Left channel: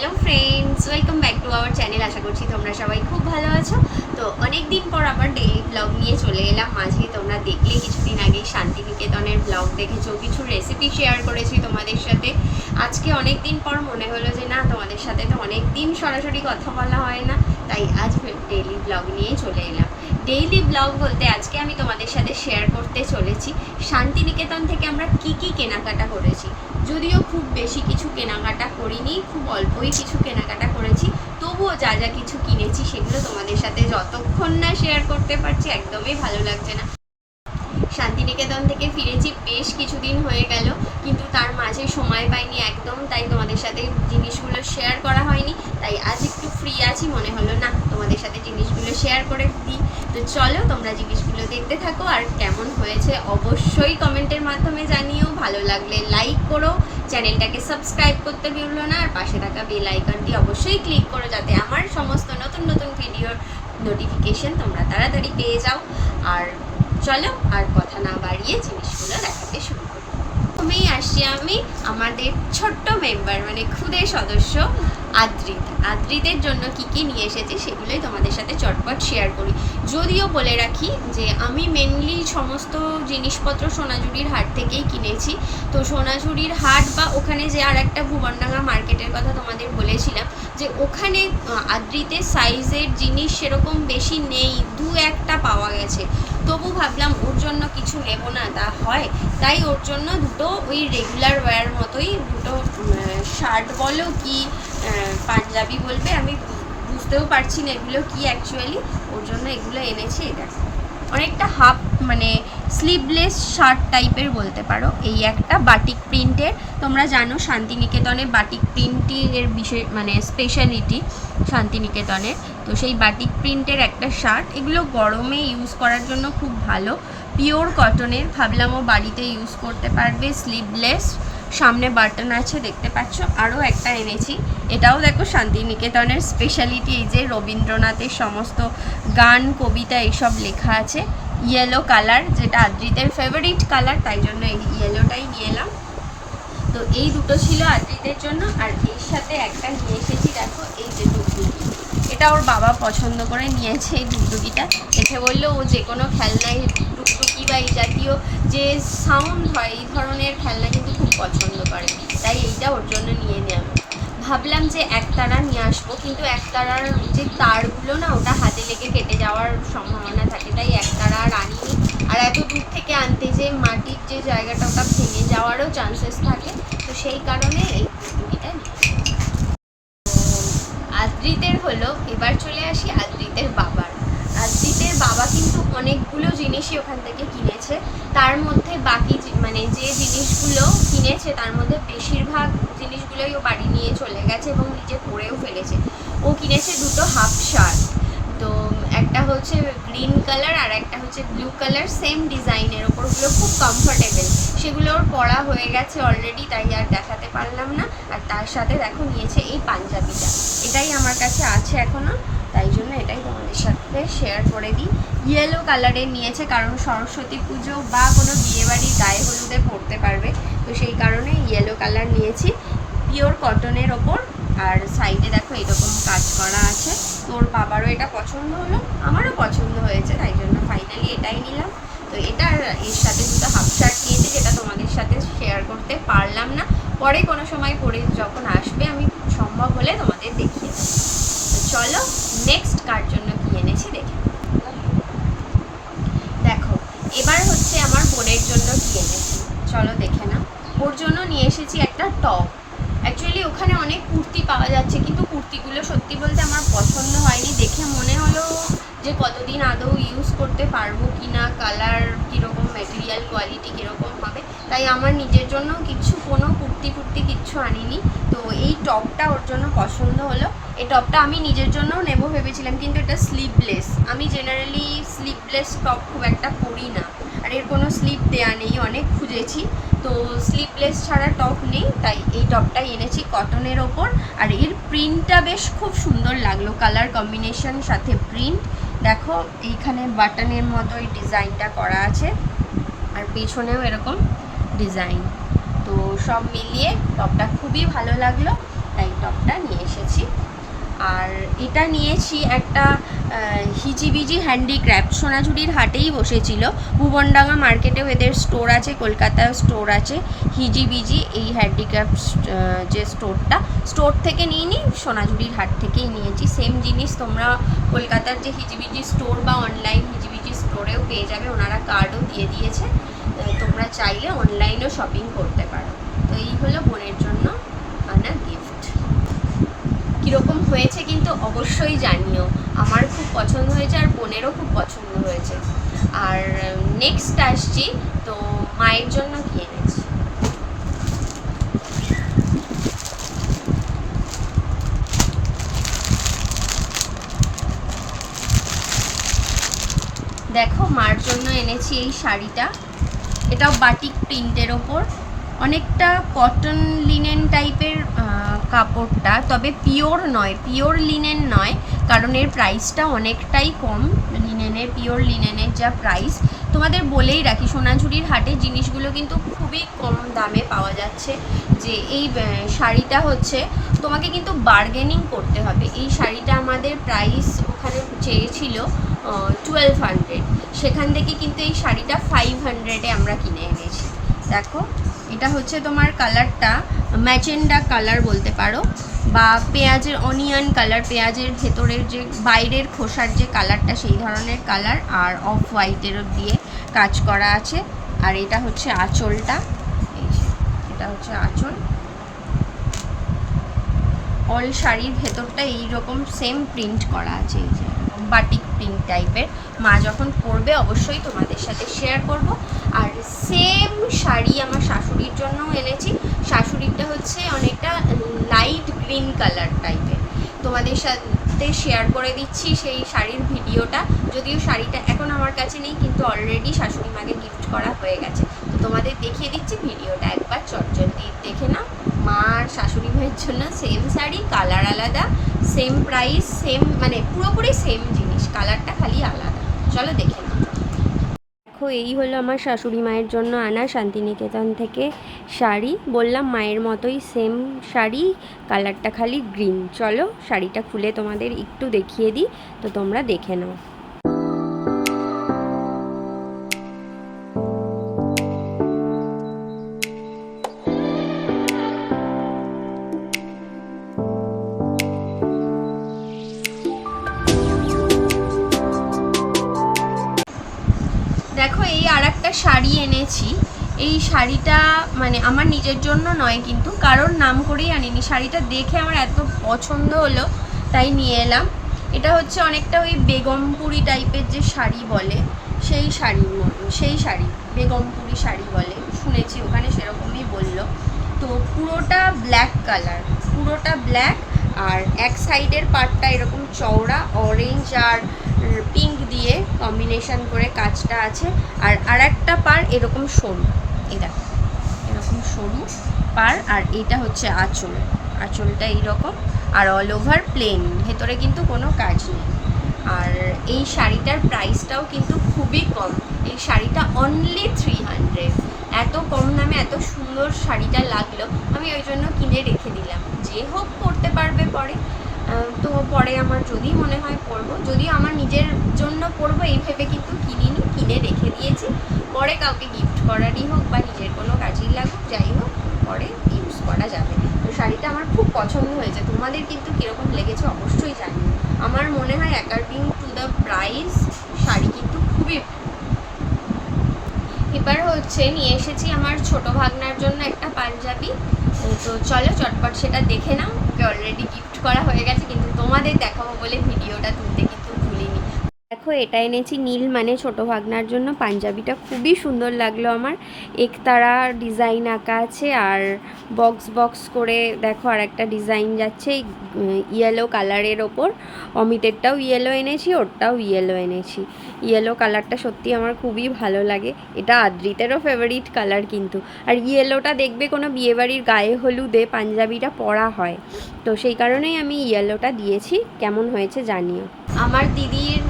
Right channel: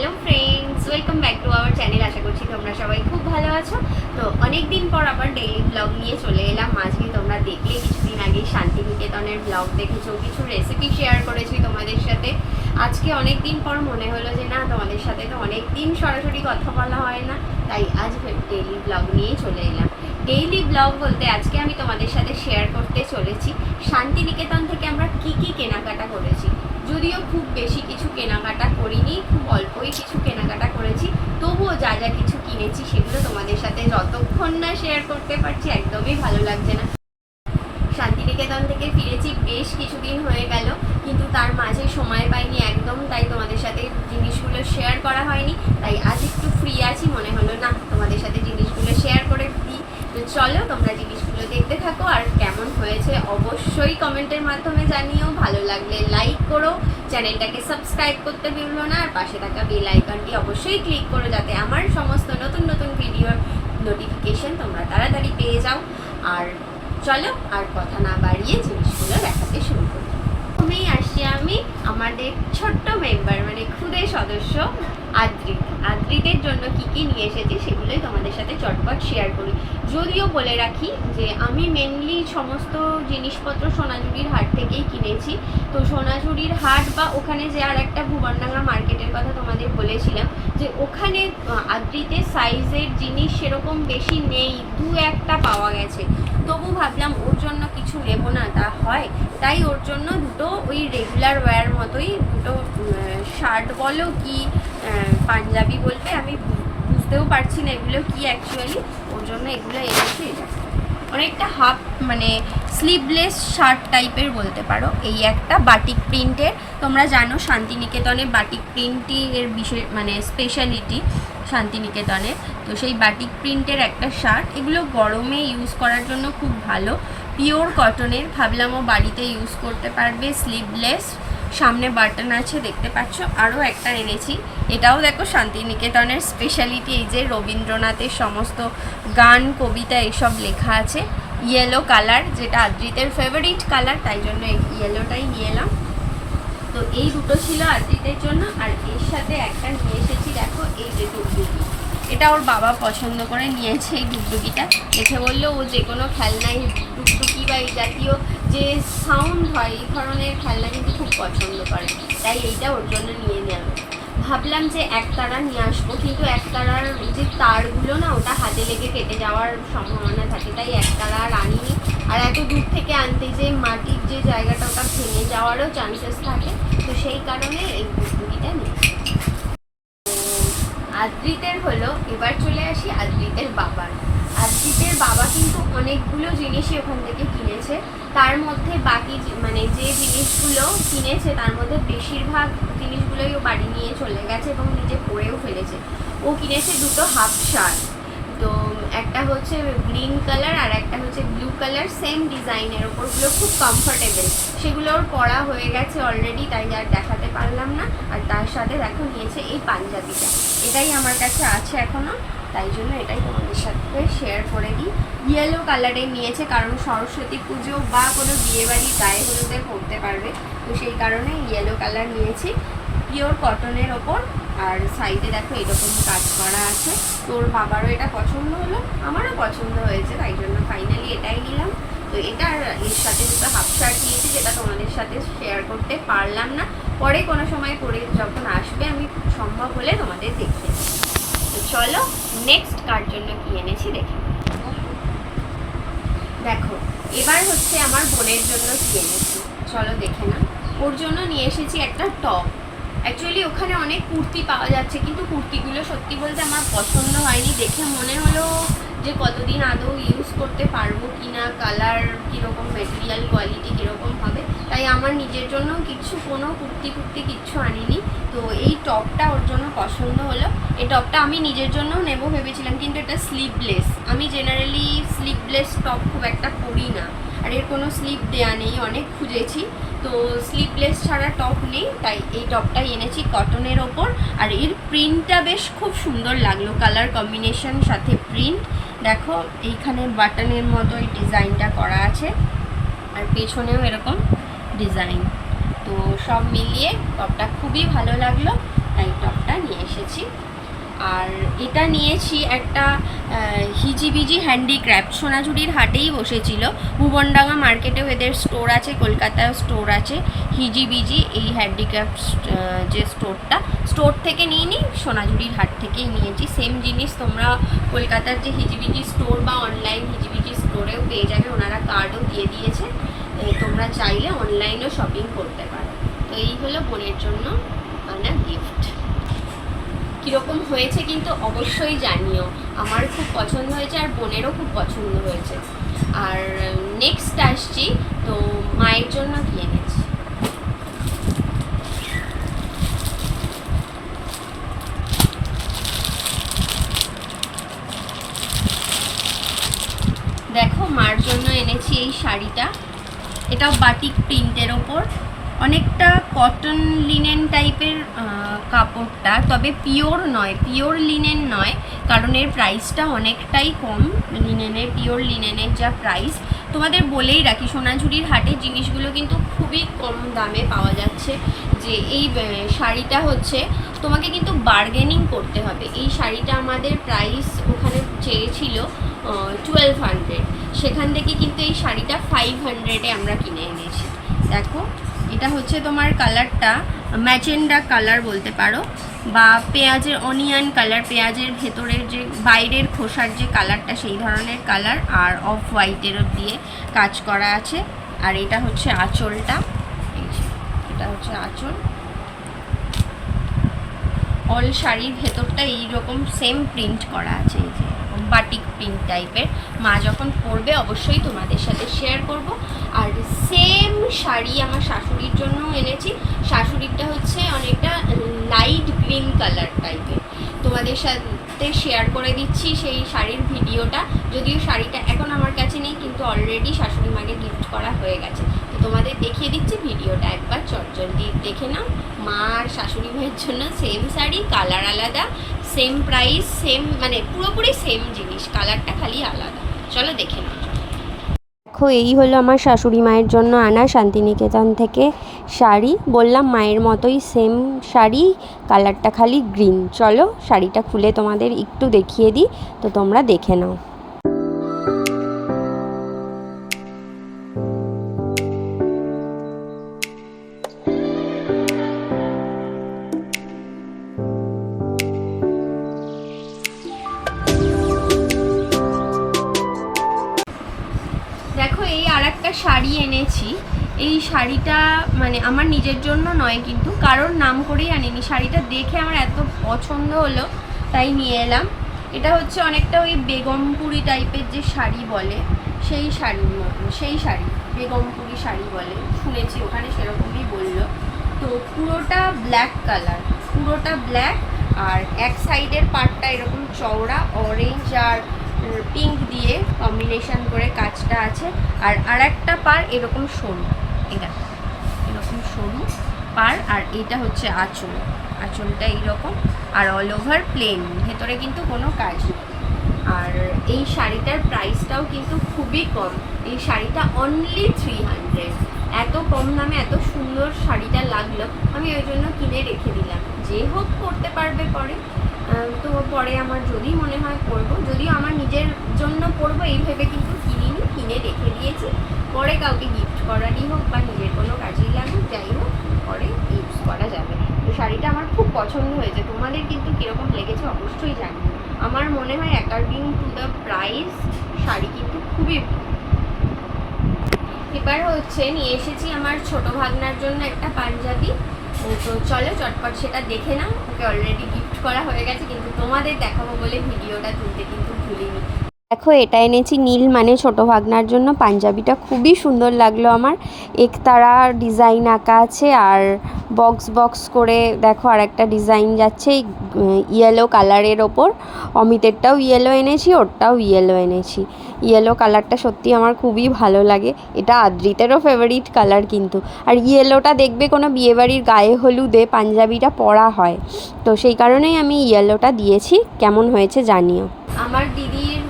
Hello friends, welcome back to our channel. আশা করছি তোমরা সবাই খুব ভালো আছো। তো অনেক দিন পর আবার ডেইলি ব্লগ নিয়ে চলে এলাম। মাঝে তোমরা দেখলে, কিছুদিন আগেই শান্তিনিকেতনের ব্লগ দেখেছ। কিছু রেসিপি শেয়ার করেছি তোমাদের সাথে। আজকে অনেক দিন পর মনে হলো যে, না, তোমাদের সাথে তো অনেক দিন সরাসরি কথা বলা হয় না। তাই আজ ডেইলি ব্লগ নিয়ে চলে এলাম। ডেইলি ব্লগ বলতে আজকে আমি তোমাদের সাথে শেয়ার করতে চলেছি। শান্তিনিকেতন থেকে আমরা কি কি কেনাকাটা করেছি? যদিও খুব বেশি কিছু কেনাকাটা করিনি, খুব অল্পই কিছু কেনাকাটা করেছি, তবুও যা যা কিছু কিনেছি সেগুলো তোমাদের সাথে যতক্ষণ না শেয়ার করতে পারছি, একদমই ভালো লাগছে না। শান্তিনিকেতন থেকে ফিরেছি, বেশ কিছুদিন হয়ে গেল, কিন্তু তার মাঝে সময় পাইনি একদম, তাই তোমাদের সাথে জিনিসগুলো শেয়ার করা হয়নি, তাই আজ একটু ফ্রি আছি, মনে হলো না তোমাদের সাথে জিনিসগুলো শেয়ার চলো, তোমরা জিনিসগুলো দেখতে থাকো আর কেমন হয়েছে অবশ্যই কমেন্টের মাধ্যমে জানিও। ভালো লাগলে লাইক করো, চ্যানেলটাকে সাবস্ক্রাইব করতে ভুলো না, আর পাশে থাকা বেল আইকনটি অবশ্যই ক্লিক করো যাতে আমার সমস্ত নতুন নতুন ভিডিওর নোটিফিকেশন তোমরা তাড়াতাড়ি পেয়ে যাও। আর চলো, আর কথা না বাড়িয়ে জিনিসগুলো দেখাতে শুরু করো। প্রথমেই আসি আমি, আমাদের ছোট্ট মেম্বার মানে খুদে সদস্য আদ্রিত আদ্রিতের জন্য কি কি নিয়ে এসেছি সেগুলোই তোমাদের সাথে চটপট শেয়ার করি। যদিও বলে রাখি যে আমি মেনলি সমস্ত জিনিসপত্র সোনাঝুরির হাট থেকেই কিনেছি। তো সোনাঝুরির হাট বা ওখানে যে আর একটা ভুবনডাঙ্গা মার্কেটের কথা তোমাদের বলেছিলাম যে ওখানে আহ, আদ্রিতের সাইজের জিনিস সেরকম বেশি নেই দু একটা পাওয়া গেছে। তবু ভাবলাম ওর জন্য কিছু নেব না, তা হয়। তাই ওর জন্য দুটো ওই রেগুলার ওয়্যার মতোই দুটো শার্ট বলো কি পাঞ্জাবি বলবে, আমি বুঝতেও পারছি না এগুলো কি অ্যাকচুয়ালি ওর জন্য এগুলো এনেছি অনেকটা হাফ মানে স্লিভলেস শার্ট টাইপের বলতে পারো। এই একটা বাটিক প্রিন্টের তোমরা জানো শান্তিনিকেতনে বাটিক প্রিন্টই এর বিশেষ মানে স্পেশালিটি শান্তিনিকেতনের। তো সেই বাটিক প্রিন্টের একটা শার্ট এগুলো গরমে ইউজ করার জন্য খুব ভালো। পিওর কটনের ভাবলাম ও বাড়িতে ইউজ করতে পারবে স্লিভলেস সামনে বাটন আছে, দেখতে পাচ্ছ? আরও একটা এনেছি। এটাও দেখো শান্তিনিকেতনের স্পেশালিটি এই যে রবীন্দ্রনাথের সমস্ত গান, কবিতা, এসব লেখা আছে। ইয়েলো কালার যেটা আদ্রিতের ফেভারিট কালার তাই জন্য ইয়েলোটাই নিয়ে এলাম। তো এই দুটো ছিল আদ্রিতের জন্য, আর এর সাথে একটা নিয়ে এসেছি, দেখো এই যে ডুগডুগি এটা ওর বাবা পছন্দ করে নিয়েছে এই ডুগডুগিটা। দেখে বলল, ও যে কোনো খেলনাই ডুগডুগি বা এই জাতীয় যে সাউন্ড হয়, এই ধরনের খেলনা কিন্তু খুব পছন্দ করে। তাই এইটা ওর জন্য নিয়ে নেওয়া ভাবলাম যে একতারা নিয়ে আসব, কিন্তু একতারার যে তারগুলো না, ওটা হাতে লেগে কেটে যাওয়ার সম্ভাবনা থাকে। তাই একতারা আর আনিনি আর এত দূর থেকে আনতে যে মাটির যে জায়গাটা ওটা ভেঙে যাওয়ারও চান্সেস থাকে। তো সেই কারণে এই কুর্তুকিটা নিয়েছি আদ্রিতের হলো এবার চলে আসি আদ্রিতের বাবার। আদ্রিতের বাবা কিন্তু অনেকগুলো জিনিসই ওখান থেকে কিনেছে। তার মধ্যে বাকি মানে যে জিনিসগুলো কিনেছে, তার মধ্যে বেশিরভাগ জিনিসগুলোই ও বাড়ি নিয়ে চলে গেছে এবং নিজে পরেও ফেলেছে। ও কিনেছে দুটো হাফ শার্ট। একটা হচ্ছে গ্রিন কালার আর একটা হচ্ছে ব্লু কালার সেম ডিজাইনের ওপরগুলো খুব কমফোর্টেবল সেগুলো ওর পরা হয়ে গেছে অলরেডি তাই আর দেখাতে পারলাম না। আর তার সাথে দেখো নিয়েছে এই পাঞ্জাবিটা। এটাই আমার কাছে আছে এখনও তাই জন্য এটাই তোমাদের সাথে শেয়ার করে দিই। ইয়েলো কালারে নিয়েছে, কারণ সরস্বতী পুজো বা কোনো বিয়েবাড়ি গায়ে হলুদে পরতে পারবে। তো সেই কারণে ইয়েলো কালার নিয়েছি। পিওর কটনের ওপর, আর সাইডে দেখো এরকম কাজ করা আছে। তোর বাবারও এটা পছন্দ হলো, আমারও পছন্দ হয়েছে, তাই জন্য ফাইনালি এটাই নিলাম। তো এটা এর সাথে দুটো হাফ শার্ট নিয়েছি, যেটা তোমাদের সাথে শেয়ার করতে পারলাম না। পরে কোনো সময় পরে যখন আসবে, আমি সম্ভব হলে তোমাদের দেখিয়ে তো চলো নেক্সট কার জন্য কি এনেছি দেখে দেখো, এবার হচ্ছে আমার বোনের জন্য কি এনেছি। চলো দেখে না ওর জন্য নিয়ে এসেছি একটা টপ অ্যাকচুয়ালি ওখানে অনেক কুর্তি পাওয়া যাচ্ছে, কিন্তু কুর্তিগুলো সত্যি বলতে আমার পছন্দ হয়নি। দেখে মনে হলো যে কতদিন আদৌ ইউজ করতে পারব কি না কালার কীরকম ম্যাটেরিয়াল কোয়ালিটি কীরকম হবে। তাই আমার নিজের জন্য কিছু, কোনো কুর্তি ফুর্তি কিচ্ছু আনিনি। তো এই টপটা ওর জন্য পছন্দ হলো। এই টপটা আমি নিজের জন্যও নেব ভেবেছিলাম, কিন্তু এটা স্লিভলেস আমি জেনারেলি স্লিভলেস টপ খুব একটা পরি না। আর এর কোনো স্লিপ দেয়া নেই, অনেক খুঁজেছি তো স্লিপলেস ছাড়া টপ নেই, তাই এই টপটাই এনেছি কটনের ওপর। আর এর প্রিন্টটা বেশ খুব সুন্দর লাগল কালার কম্বিনেশন সাথে প্রিন্ট দেখো, এইখানে বাটনের মতো এই ডিজাইনটা করা আছে, আর পেছনেও এরকম ডিজাইন তো সব মিলিয়ে টপটা খুবই ভালো লাগল, তাই টপটা নিয়ে এসেছি। আর এটা নিয়েছি একটা হিজিবিজি হ্যান্ডিক্রাফট সোনাঝুরির হাটেই বসেছিল। ভুবনডাঙ্গা মার্কেটেও এদের স্টোর আছে কলকাতায় স্টোর আছে। হিজিবিজি এই হ্যান্ডিক্রাফট যে স্টোরটা, স্টোর থেকে নিয়ে নিই সোনাঝুরির হাট থেকেই নিয়েছি। সেম জিনিস তোমরা কলকাতার যে হিজিবিজি স্টোর বা অনলাইন হিজিবিজি স্টোরেও পেয়ে যাবে। ওনারা কার্ডও দিয়ে দিয়েছে। তোমরা চাইলে অনলাইনেও শপিং করতে পারো। তো এই হলো বোনের জন্য আনা গিফট কীরকম হয়েছে কিন্তু অবশ্যই জানিও। আমার খুব পছন্দ হয়েছে আর বোনেরও খুব পছন্দ হয়েছে। আর নেক্সট আসছি, তো মায়ের জন্য কি এনেছি? দেখো মার জন্য এনেছি এই শাড়িটা। এটাও বাটিক প্রিন্টের ওপর। অনেকটা কটন লিনেন টাইপের কাপড়টা, তবে পিওর নয় পিওর লিনেন নয়, কারণ এর প্রাইসটা অনেকটাই কম লিনেনের পিওর লিনেনের যা প্রাইস তোমাদের বলেই রাখি, সোনাঝুরির হাটের জিনিসগুলো কিন্তু খুবই কম দামে পাওয়া যাচ্ছে, যে এই শাড়িটা হচ্ছে, তোমাকে কিন্তু বার্গেনিং করতে হবে। এই শাড়িটা আমাদের প্রাইস ওখানে চেয়েছিল টুয়েলভ হান্ড্রেড সেখান থেকে কিন্তু এই শাড়িটা ফাইভ হান্ড্রেডে আমরা কিনে এনেছি। দেখো। এটা হচ্ছে তোমার কালারটা ম্যাচেন্ডা কালার বলতে পারো, বা পেঁয়াজের অনিয়ন কালার, পেঁয়াজের ভেতরের যে, বাইরের খোসার যে কালারটা, সেই ধরনের কালার, আর অফ হোয়াইটেরও দিয়ে কাজ করা আছে। আর এটা হচ্ছে আঁচলটা এটা হচ্ছে আঁচল। অল শাড়ির ভেতরটা এইরকম সেম প্রিন্ট করা আছে, এই যে। বাটিক প্রিন্ট টাইপের। মা যখন পরবে, অবশ্যই তোমাদের সাথে শেয়ার করব। আর সেম শাড়ি আমার শাশুড়ির জন্য এনেছি। শাশুড়িরটা হচ্ছে অনেকটা লাইট গ্রিন কালার টাইপের তোমাদের সাথে শেয়ার করে দিচ্ছি সেই শাড়ির ভিডিওটা। যদিও শাড়িটা এখন আমার কাছে নেই, কিন্তু অলরেডি শাশুড়ি মাকে গিফট করা হয়ে গেছে। তো তোমাদের দেখিয়ে দিচ্ছি ভিডিওটা একবার চটজলদি দেখে নাও। মা আর শাশুড়ি মায়ের জন্য সেম শাড়ি কালার আলাদা। সেম প্রাইস সেম মানে পুরোপুরি সেম জিনিস কালারটা খালি আলাদা। চলো দেখে নাও। দেখো, এই হলো আমার শাশুড়ি মায়ের জন্য আনা শান্তিনিকেতন থেকে শাড়ি। বললাম মায়ের মতোই সেম শাড়ি কালারটা খালি গ্রিন চলো শাড়িটা খুলে তোমাদের একটু দেখিয়ে দিই, তো তোমরা দেখে নাও। দেখো, এই আর একটা শাড়ি এনেছি। এই শাড়িটা মানে আমার নিজের জন্য নয় কিন্তু কারোর নাম করেই আনিনি। শাড়িটা দেখে আমার এত পছন্দ হলো, তাই নিয়ে এলাম। এটা হচ্ছে অনেকটা ওই বেগমপুরি টাইপের যে শাড়ি বলে, সেই শাড়ির মতো, সেই শাড়ি, বেগমপুরি শাড়ি বলে। শুনেছি, ওখানে সেরকমই বলল। তো পুরোটা ব্ল্যাক কালার পুরোটা ব্ল্যাক আর এক সাইডের পার্টটা এরকম চওড়া অরেঞ্জ আর পিঙ্ক দিয়ে কম্বিনেশন করে কাজটা আছে। আর আরেকটা পার এরকম সরু এটা এরকম সরু পার, আর এটা হচ্ছে আঁচল। আঁচলটা এইরকম, আর অল ওভার প্লেন ভেতরে কিন্তু কোনো কাজ নেই। আর এই শাড়িটার প্রাইসটাও কিন্তু খুবই কম। এই শাড়িটা অনলি থ্রি হান্ড্রেড এত কম দামে এত সুন্দর শাড়িটা লাগল, আমি ওই জন্য কিনে রেখে দিলাম। যে হোক পরতে পারবে পরে। তো পরে আমার যদি মনে হয় পরবো যদিও আমার নিজের জন্য পরবো, এই ভেবে কিন্তু কিনিনি, কিনে রেখে দিয়েছি। পরে কাউকে গিফট করারই হোক বা নিজের কোনো কাজেই লাগুক, যাই হোক, পরে ইউজ করা যাবে। তো শাড়িটা আমার খুব পছন্দ হয়েছে। তোমাদের কিন্তু কীরকম লেগেছে অবশ্যই জানি আমার মনে হয় according to the price sari কিন্তু খুবই এবার হচ্ছে নিয়ে এসেছি আমার ছোট ভাগনার জন্য একটা পাঞ্জাবি। তো চলো চটপট সেটা দেখে নাও। ওকে অলরেডি গিফট করা হয়ে গেছে, কিন্তু তোমাদের দেখাবো বলে ভিডিওটা তুলতে কিন্তু দেখো, এটা এনেছি নীল মানে ছোট ভাগনার জন্য। পাঞ্জাবিটা খুবই সুন্দর লাগল আমার। একতারা ডিজাইন আঁকা আছে আর বক্স বক্স করে দেখো আর একটা ডিজাইন যাচ্ছে ইয়েলো কালারের ওপর। অমিতেরটাও ইয়েলো এনেছি, ওরটাও ইয়েলো এনেছি। ইয়েলো কালারটা সত্যি আমার খুবই ভালো লাগে। এটা আদ্রিতেরও ফেভারিট কালার কিন্তু। আর ইয়েলোটা দেখবে কোনো বিয়েবাড়ির গায়ে হলুদে পাঞ্জাবিটা পরা হয়। তো সেই কারণেই আমি ইয়েলোটা দিয়েছি। কেমন হয়েছে জানিও। আমার দিদির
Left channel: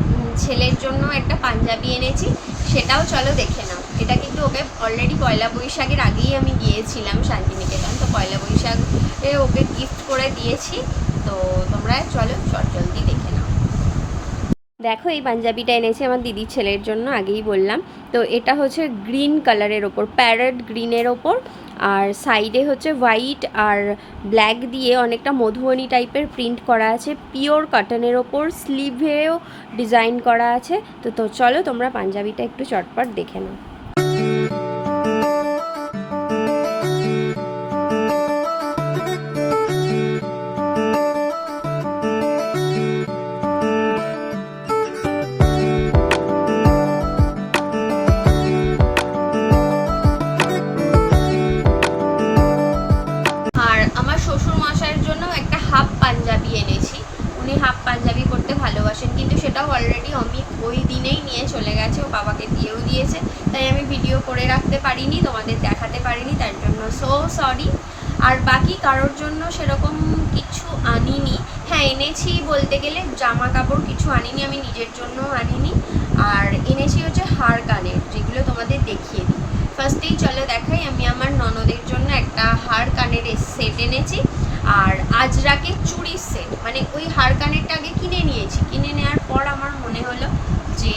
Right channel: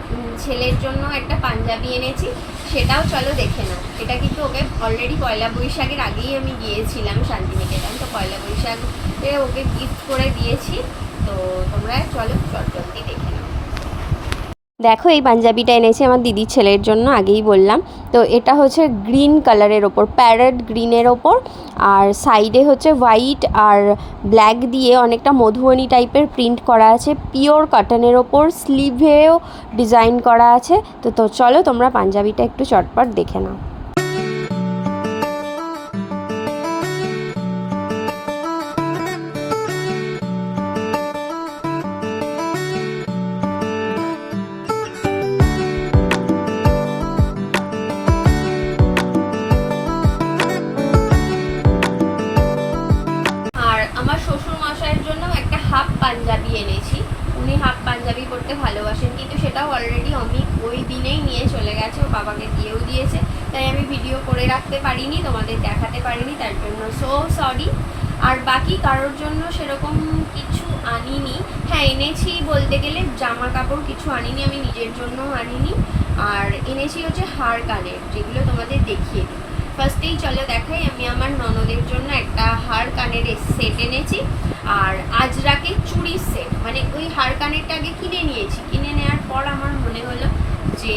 ছেলের জন্য একটা পাঞ্জাবি এনেছি, সেটাও চলো দেখে নাও। এটা কিন্তু ওকে অলরেডি পয়লা বৈশাখের আগেই আমি গিয়েছিলাম শান্তিনিকেতন, তো পয়লা বৈশাখে ওকে গিফট করে দিয়েছি। তো তোমরা চলো চট জলদি দেখে নাও। দেখো, এই পাঞ্জাবিটা এনেছি আমার দিদির ছেলের জন্য, আগেই বললাম। তো এটা হচ্ছে গ্রিন কালারের ওপর, প্যারেট গ্রিনের ওপর, আর সাইডে হচ্ছে হোয়াইট আর ব্ল্যাক দিয়ে অনেকটা মধুবনী টাইপের প্রিন্ট করা আছে, পিওর কটনের ওপর, স্লিভেও ডিজাইন করা আছে। তো তো চলো তোমরা পাঞ্জাবিটা একটু চটপট দেখে নাও। পাঞ্জাবি এনেছি। উনি হাফ পাঞ্জাবি পরতে ভালোবাসেন, কিন্তু সেটাও অলরেডি অমিত ওই দিনেই নিয়ে চলে গেছে, ও বাবাকে দিয়েও দিয়েছে। তাই আমি ভিডিও করে রাখতে পারিনি, তোমাদের দেখাতে পারিনি, তার জন্য সো সরি আর বাকি কারোর জন্য সেরকম কিছু আনিনি। হ্যাঁ এনেছি বলতে গেলে জামা কাপড় কিছু আনিনি, আমি নিজের জন্য আনিনি। আর এনেছি হচ্ছে হার কানের, যেগুলো তোমাদের দেখিয়ে দিই। ফার্স্টেই চলো দেখাই, আমি আমার হার কানের সেট এনেছি। আর আজরাকে চুড়ির সেট মানে ওই হার কানেরটা আগে কিনে নিয়েছি। কিনে নেওয়ার পর আমার মনে হলো যে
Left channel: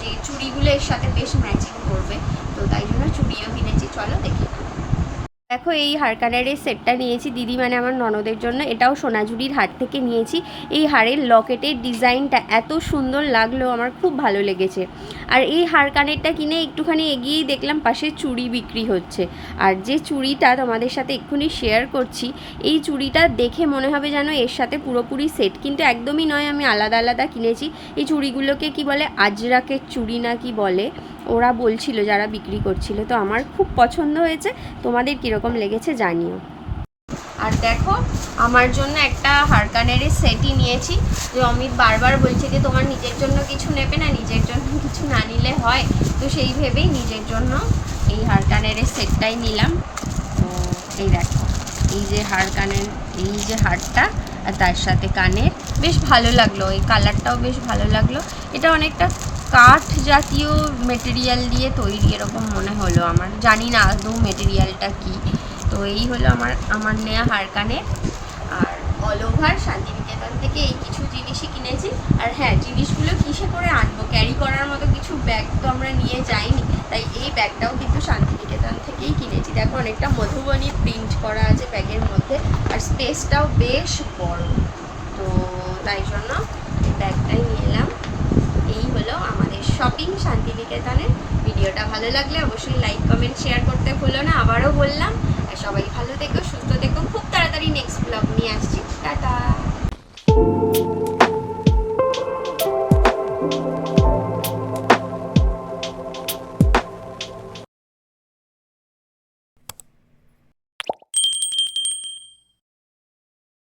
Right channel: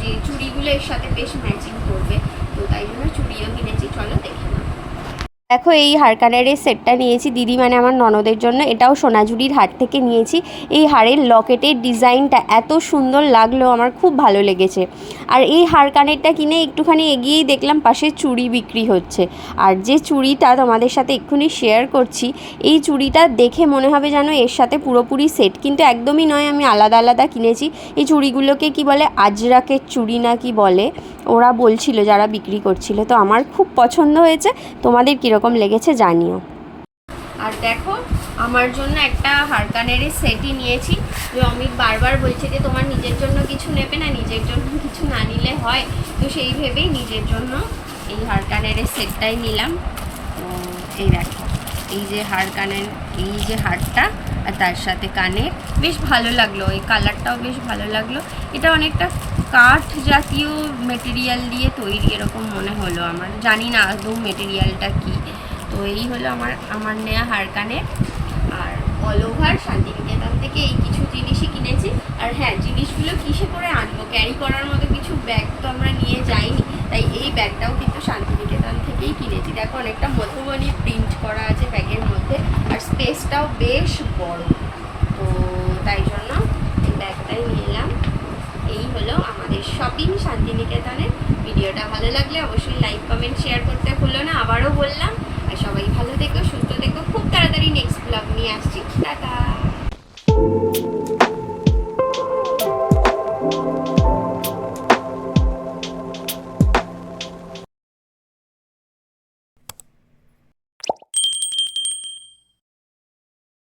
যে চুড়িগুলো এর সাথে বেশ ম্যাচিং করবে। তো তাই জন্য চুড়িও কিনেছি। চলো দেখে। দেখো, এই হারকানের এই সেটটা নিয়েছি। দিদি মানে আমার ননদের জন্য। এটাও সোনাঝুরির হাট থেকে নিয়েছি। এই হারের লকেটের ডিজাইনটা এত সুন্দর লাগল, আমার খুব ভালো লেগেছে। আর এই হারকানেরটা কিনে একটুখানি এগিয়েই দেখলাম, পাশে চুড়ি বিক্রি হচ্ছে। আর যে চুড়িটা তোমাদের সাথে এক্ষুনি শেয়ার করছি, এই চুড়িটা দেখে মনে হবে যেন এর সাথে পুরোপুরি সেট কিন্তু একদমই নয়, আমি আলাদা আলাদা কিনেছি। এই চুড়িগুলোকে কি বলে, আজরাকের চুড়ি না কি বলে। ওরা বলছিল, যারা বিক্রি করছিল। তো আমার খুব পছন্দ হয়েছে। তোমাদের কীরকম লেগেছে জানিও। আর দেখো, আমার জন্য একটা হারকানের সেটই নিয়েছি। যে অমিত বারবার বলছে যে, তোমার নিজের জন্য কিছু নেবে না, নিজের জন্য কিছু না নিলে হয়। তো সেই ভেবেই নিজের জন্য এই হারকানের সেটটাই নিলাম। তো এই দেখো, এই যে হার কানের এই যে হারটা আর তার সাথে কানের। বেশ ভালো লাগল, এই কালারটাও বেশ ভালো লাগল। এটা অনেকটা কাঠ জাতীয় মেটেরিয়াল দিয়ে তৈরি এরকম মনে হলো আমার। জানি না আদৌ মেটেরিয়ালটা কী। তো এই হলো আমার আমার নেওয়া হারকানে আর অল ওভার শান্তিনিকেতন থেকে এই কিছু জিনিসই কিনেছি। আর হ্যাঁ জিনিসগুলো কিসে করে আনব? ক্যারি করার মতো কিছু ব্যাগ তো আমরা নিয়ে যাইনি। তাই এই ব্যাগটাও কিন্তু শান্তিনিকেতন থেকেই কিনেছি। দেখো, অনেকটা মধুবনী প্রিন্ট করা আছে ব্যাগের মধ্যে। আর স্পেসটাও বেশ বড়। তো তাই জন্য এই ব্যাগটাই নিলাম এই হলো আমাদের শপিং শান্তিনিকেতনের ভিডিওটা ভালো লাগলে অবশ্যই লাইক, কমেন্ট, শেয়ার করতে ভুলো না। আবারও বললাম, আর সবাই ভালো থেকো, সুস্থ থেকো। খুব তাড়াতাড়ি নেক্সট ব্লগ নিয়ে আসছি। টাটা!